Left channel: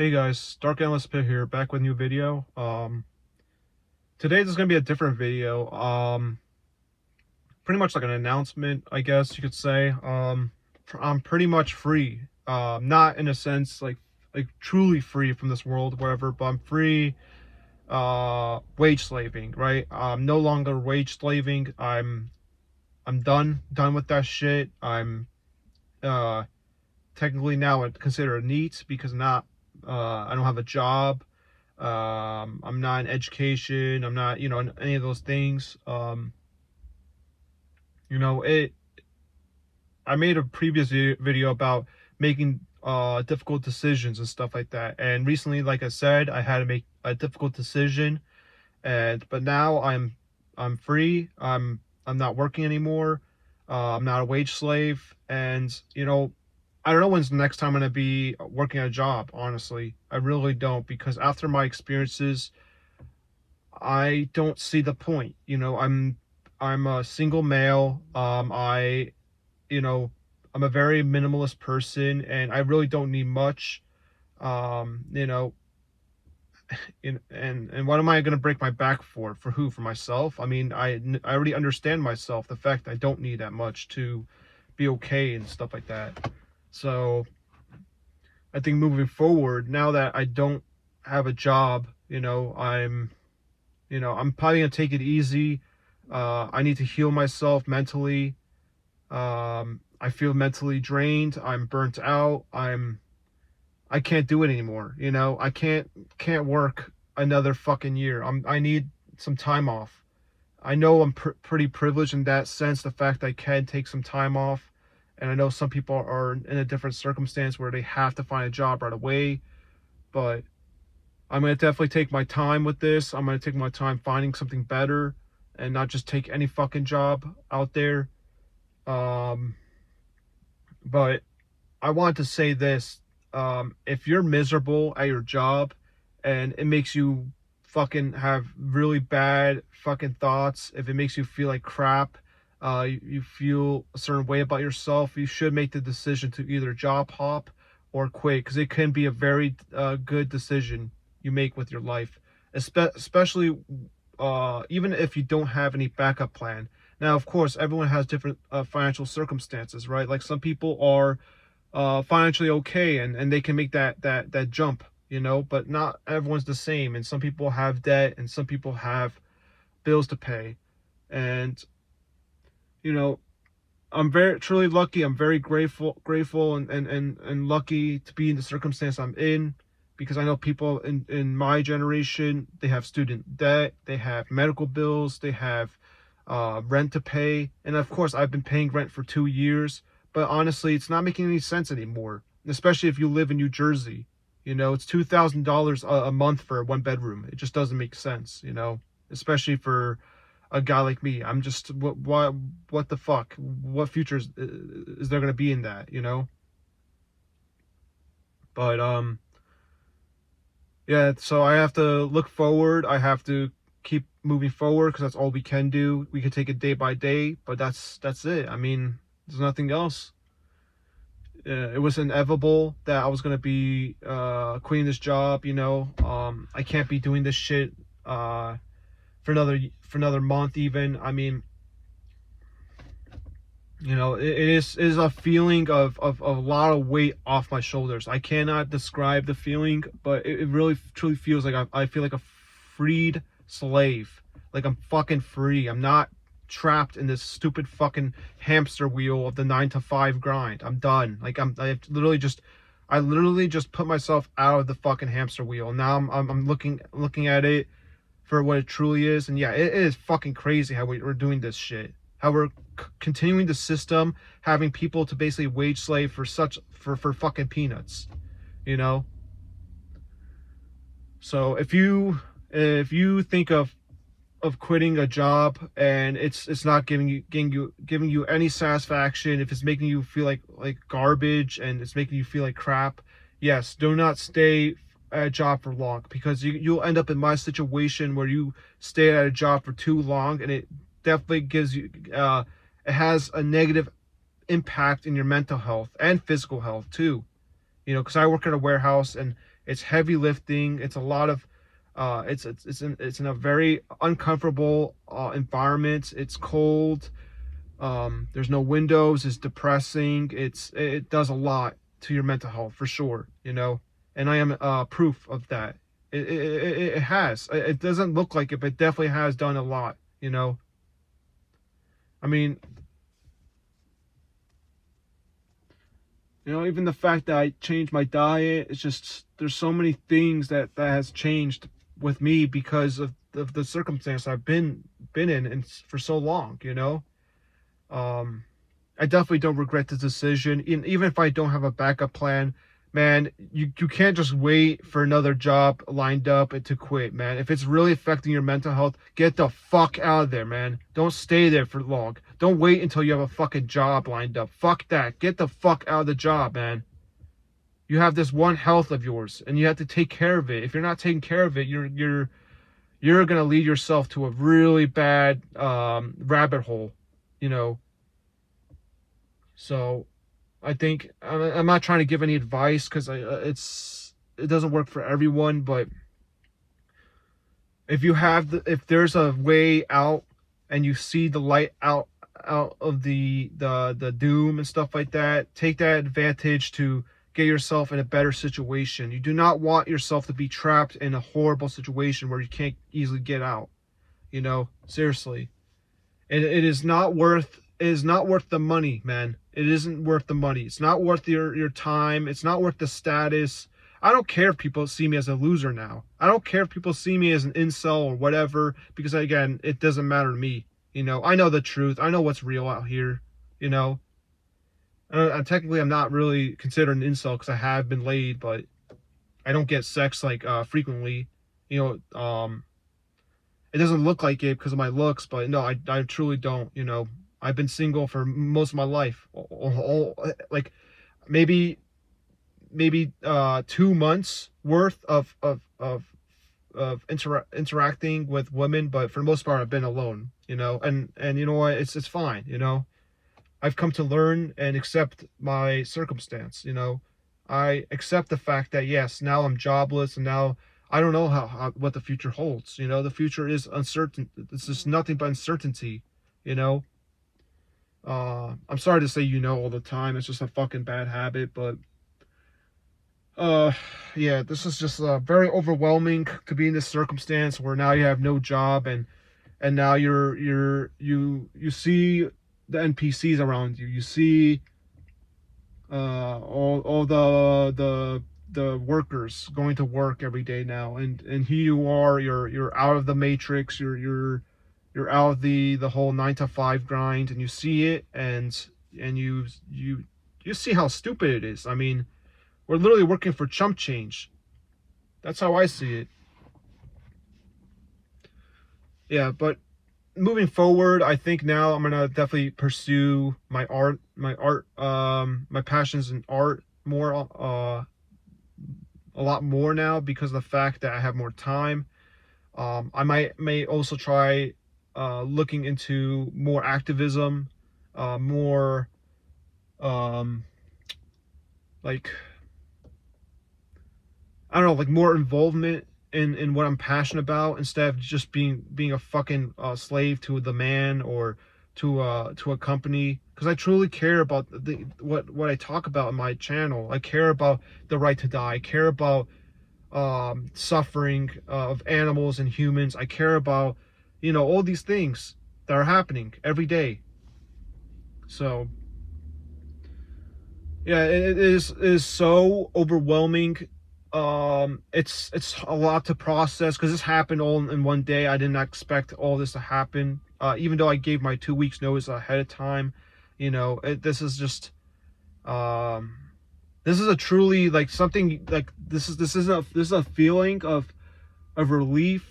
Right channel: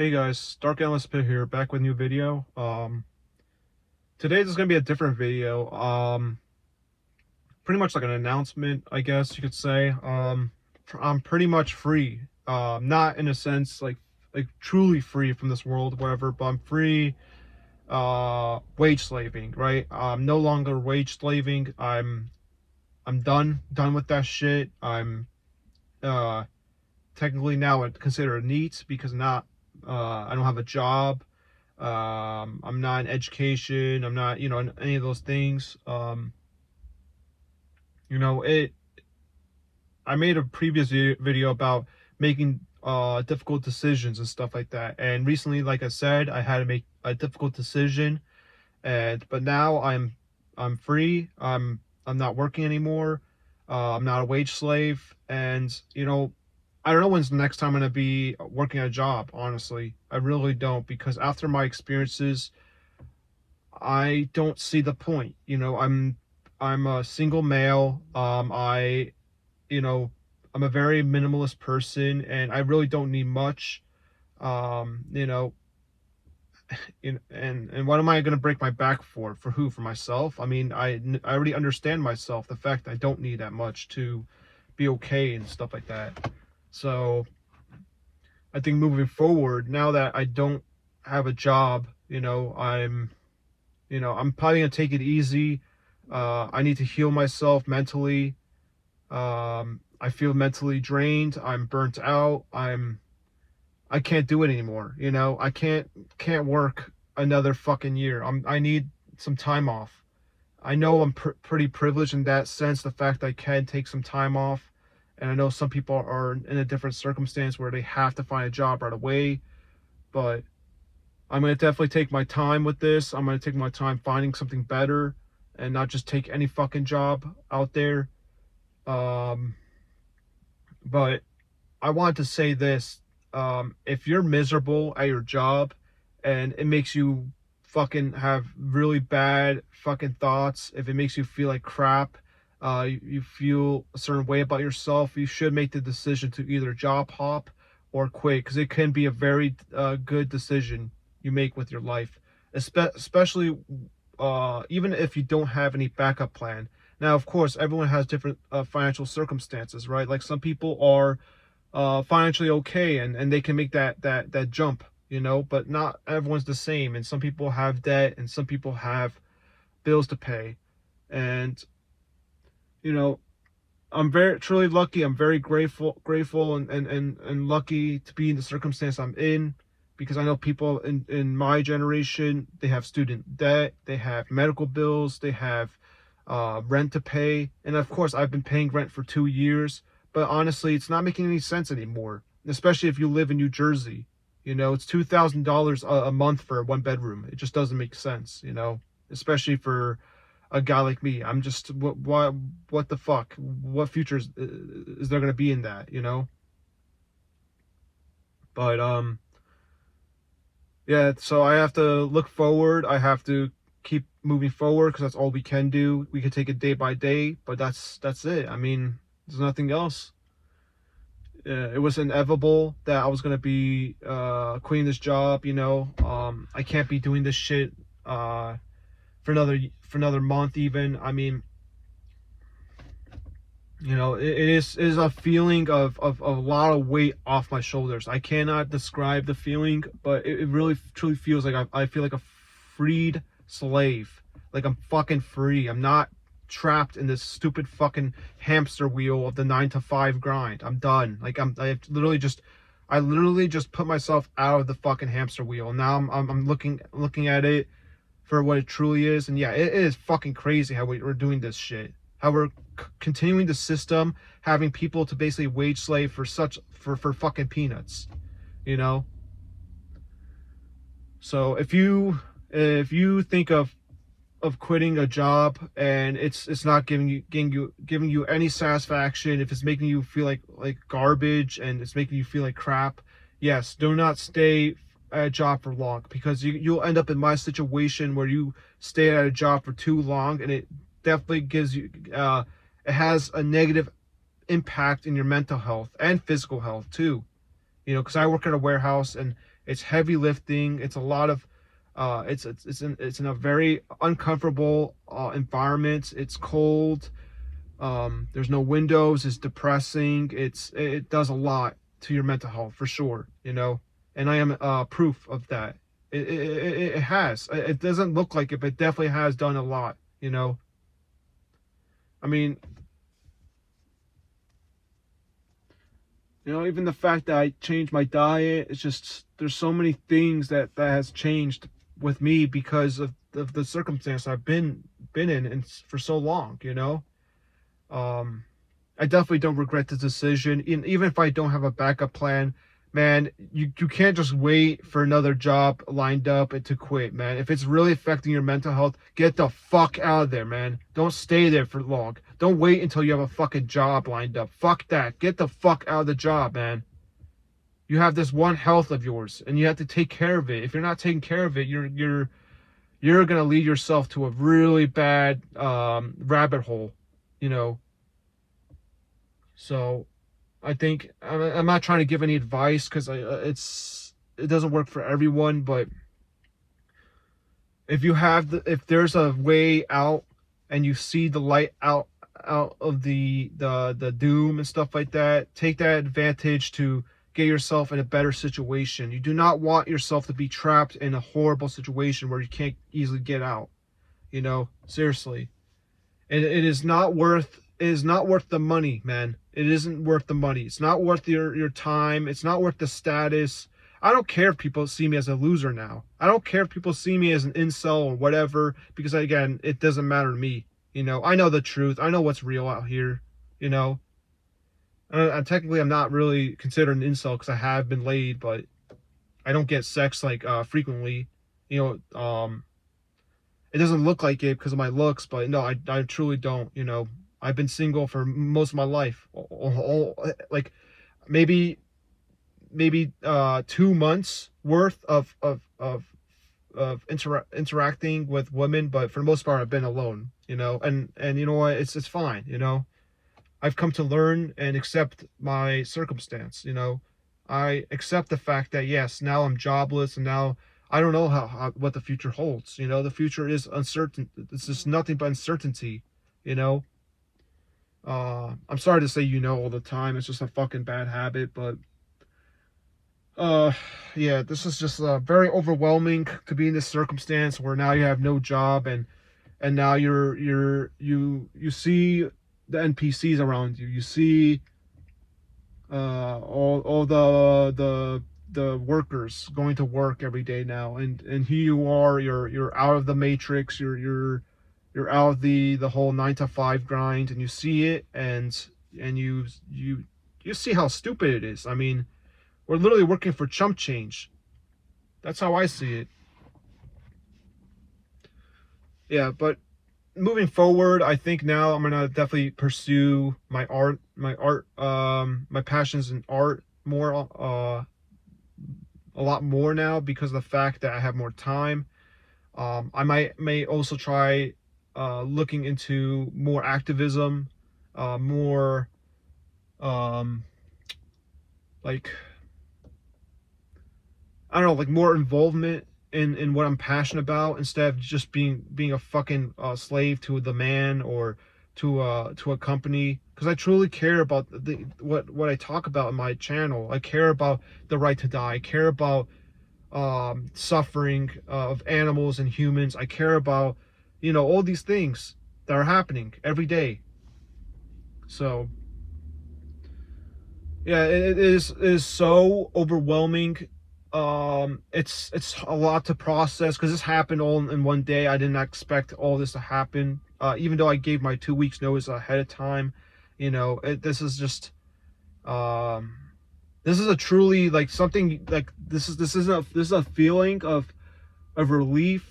Hey guys, Dark Analyst Pit here, back with a new video. Today this is gonna be a different video. Pretty much like an announcement, I guess you could say. I'm pretty much free. Not in a sense like truly free from this world, whatever, but I'm free. Wage slaving, right? I'm no longer wage slaving. I'm done with that shit. I'm technically now considered a NEET because I don't have a job. I'm not in education. I'm not, in any of those things. I made a previous video about making difficult decisions and stuff like that. And recently, like I said, I had to make a difficult decision. But now I'm free. I'm not working anymore. I'm not a wage slave. And I don't know when's the next time I'm going to be working a job, honestly. I really don't, because after my experiences, I don't see the point. I'm a single male. I'm a very minimalist person, and I really don't need much. And what am I going to break my back for? For who? For myself? I mean, I already understand myself, the fact that I don't need that much to be okay and stuff like that. So I think moving forward, now that I don't have a job, I'm probably gonna take it easy. I need to heal myself mentally. I feel mentally drained. I'm burnt out. I can't do it anymore. I can't work another fucking year. I need some time off. I know I'm pretty privileged in that sense, the fact that I can take some time off. And I know some people are in a different circumstance where they have to find a job right away. But I'm going to definitely take my time with this. I'm going to take my time finding something better and not just take any fucking job out there. But I want to say this. If you're miserable at your job and it makes you fucking have really bad fucking thoughts, if it makes you feel like crap, you feel a certain way about yourself, you should make the decision to either job hop or quit, because it can be a very good decision you make with your life, especially even if you don't have any backup plan. Now, of course, everyone has different financial circumstances, right? Like some people are financially okay and they can make that jump, but not everyone's the same. And some people have debt and some people have bills to pay. And I'm very truly lucky. I'm very grateful and lucky to be in the circumstance I'm in, because I know people in my generation, they have student debt, they have medical bills, they have rent to pay. And of course, I've been paying rent for 2 years, but honestly, it's not making any sense anymore, especially if you live in New Jersey. It's $2,000 a month for a one bedroom. It just doesn't make sense, especially for a guy like me. I'm just, what the fuck? What future is there going to be in that, But, yeah, so I have to look forward. I have to keep moving forward, because that's all we can do. We can take it day by day, but that's it. I mean, there's nothing else. It was inevitable that I was going to be quitting this job, I can't be doing this shit for another month even. I mean, it is a feeling of a lot of weight off my shoulders. I cannot describe the feeling, but it really truly feels like I feel like a freed slave. Like I'm fucking free. I'm not trapped in this stupid fucking hamster wheel of the 9 to 5 grind. I'm done. Like I literally just put myself out of the fucking hamster wheel. Now I'm looking at it for what it truly is. And yeah, it is fucking crazy how we're doing this shit. How we're continuing the system, having people to basically wage slave for fucking peanuts, So if you think of quitting a job and it's not giving you any satisfaction, if it's making you feel like garbage and it's making you feel like crap, yes, do not stay at a job for long, because you'll end up in my situation where you stay at a job for too long, and it definitely gives you it has a negative impact in your mental health and physical health too, because I work at a warehouse, and It's heavy lifting. It's a lot of it's in a very uncomfortable environment. It's cold. There's no windows. It's depressing. It does a lot to your mental health for sure, you know. And I am proof of that. It has. It doesn't look like it, but it definitely has done a lot, you know. I mean, you know, even the fact that I changed my diet, it's just there's so many things that has changed with me because of the circumstance I've been in and for so long, you know. I definitely don't regret the decision, even if I don't have a backup plan. Man, you can't just wait for another job lined up and to quit, man. If it's really affecting your mental health, get the fuck out of there, man. Don't stay there for long. Don't wait until you have a fucking job lined up. Fuck that. Get the fuck out of the job, man. You have this one health of yours, and you have to take care of it. If you're not taking care of it, you're gonna lead yourself to a really bad rabbit hole, you know. So I think I'm not trying to give any advice because it doesn't work for everyone, but if there's a way out and you see the light out of the doom and stuff like that, take that advantage to get yourself in a better situation. You do not want yourself to be trapped in a horrible situation where you can't easily get out, you know, seriously. And it is not worth the money, man. It isn't worth the money. It's not worth your time. It's not worth the status. I don't care if people see me as a loser now. I don't care if people see me as an incel or whatever, because again, it doesn't matter to me. You know, I know the truth. I know what's real out here, you know. I'm not really considered an incel because I have been laid, but I don't get sex like frequently. You know, it doesn't look like it because of my looks, but no, I truly don't, you know. I've been single for most of my life, like maybe 2 months worth of interacting with women, but for the most part I've been alone, you know. And you know what, it's fine, you know. I've come to learn and accept my circumstance, you know. I accept the fact that yes, now I'm jobless and now I don't know what the future holds, you know. The future is uncertain. It's just nothing but uncertainty, you know. I'm sorry to say you know all the time. It's just a fucking bad habit, but yeah, this is just very overwhelming to be in this circumstance where now you have no job and now you see the NPCs around you. You see all the workers going to work every day now, and here you are. You're out of the matrix. You're out of the whole 9-to-5 grind, and you see it, and you see how stupid it is. I mean, we're literally working for chump change. That's how I see it. Yeah, but moving forward, I think now I'm gonna definitely pursue my passions in art more, a lot more now because of the fact that I have more time. I may also try looking into more activism, more like, I don't know, like more involvement in what I'm passionate about instead of just being a fucking slave to the man or to a company. Because I truly care about what I talk about in my channel. I care about the right to die. I care about suffering of animals and humans. I care about, you know, all these things that are happening every day. So yeah, it is so overwhelming. It's a lot to process because this happened all in one day. I didn't expect all this to happen, even though I gave my 2 weeks notice ahead of time. You know, this is just this is a truly like something like this is a feeling of relief,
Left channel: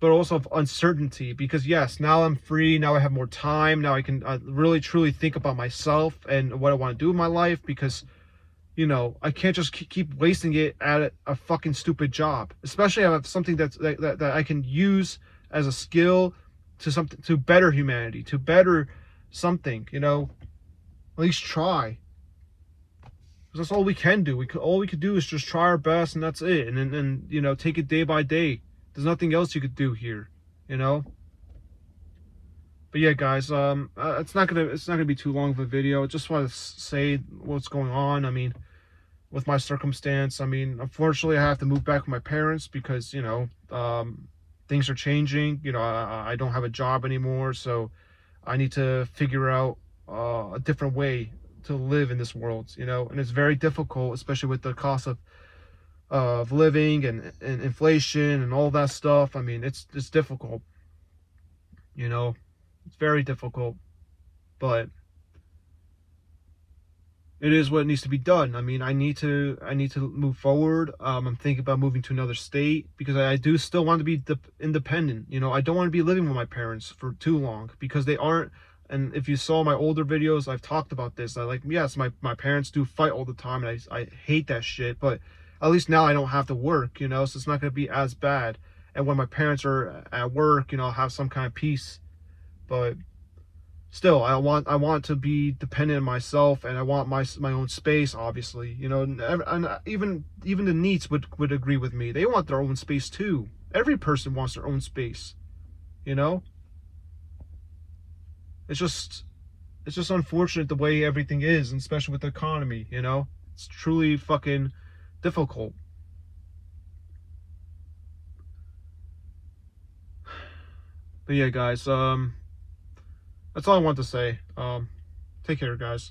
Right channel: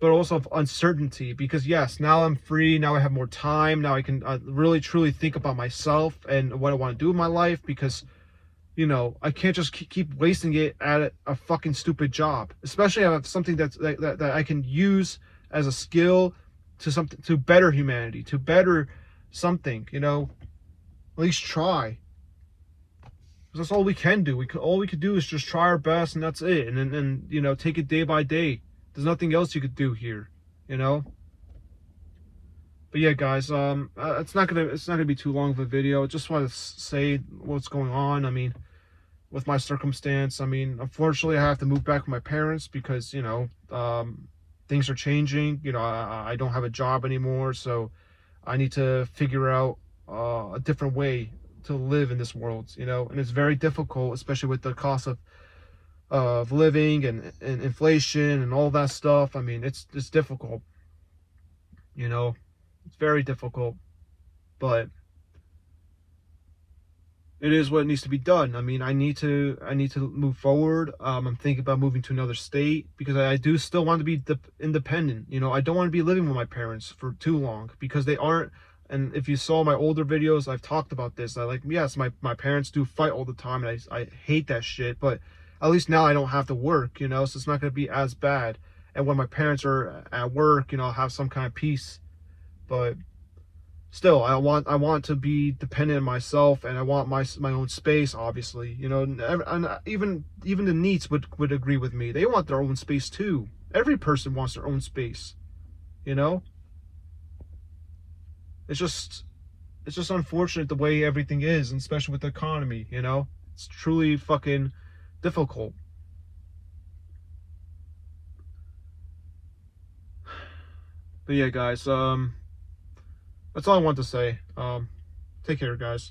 but also of uncertainty, because yes, now I'm free. Now I have more time. Now I can really truly think about myself and what I want to do in my life, because you know, I can't just keep wasting it at a fucking stupid job, especially on something that I can use as a skill to better humanity, to better something, you know. At least try. That's all we can do. All we can do is just try our best, and that's it. And then you know, take it day by day. There's nothing else you could do here, you know. But yeah, guys, it's not gonna be too long of a video. I just want to say what's going on. I mean, with my circumstance, I mean, unfortunately, I have to move back with my parents because, you know, things are changing. You know, I don't have a job anymore, so I need to figure out a different way to live in this world. You know, and it's very difficult, especially with the cost of living and inflation and all that stuff. I mean, it's difficult. You know, it's very difficult, but it is what needs to be done. I mean, I need to move forward. I'm thinking about moving to another state because I do still want to be independent. You know, I don't want to be living with my parents for too long because they are. And if you saw my older videos, I've talked about this. Yes, my parents do fight all the time, and I hate that shit. But at least now I don't have to work. You know, so it's not going to be as bad. And when my parents are at work, you know, I'll have some kind of peace. But still, I want to be dependent on myself, and I want my own space. Obviously, you know, and even the NEETs would agree with me. They want their own space too. Every person wants their own space. You know, it's just unfortunate the way everything is, and especially with the economy. You know, it's truly fucking difficult. But yeah, guys, that's all I want to say. Take care, guys.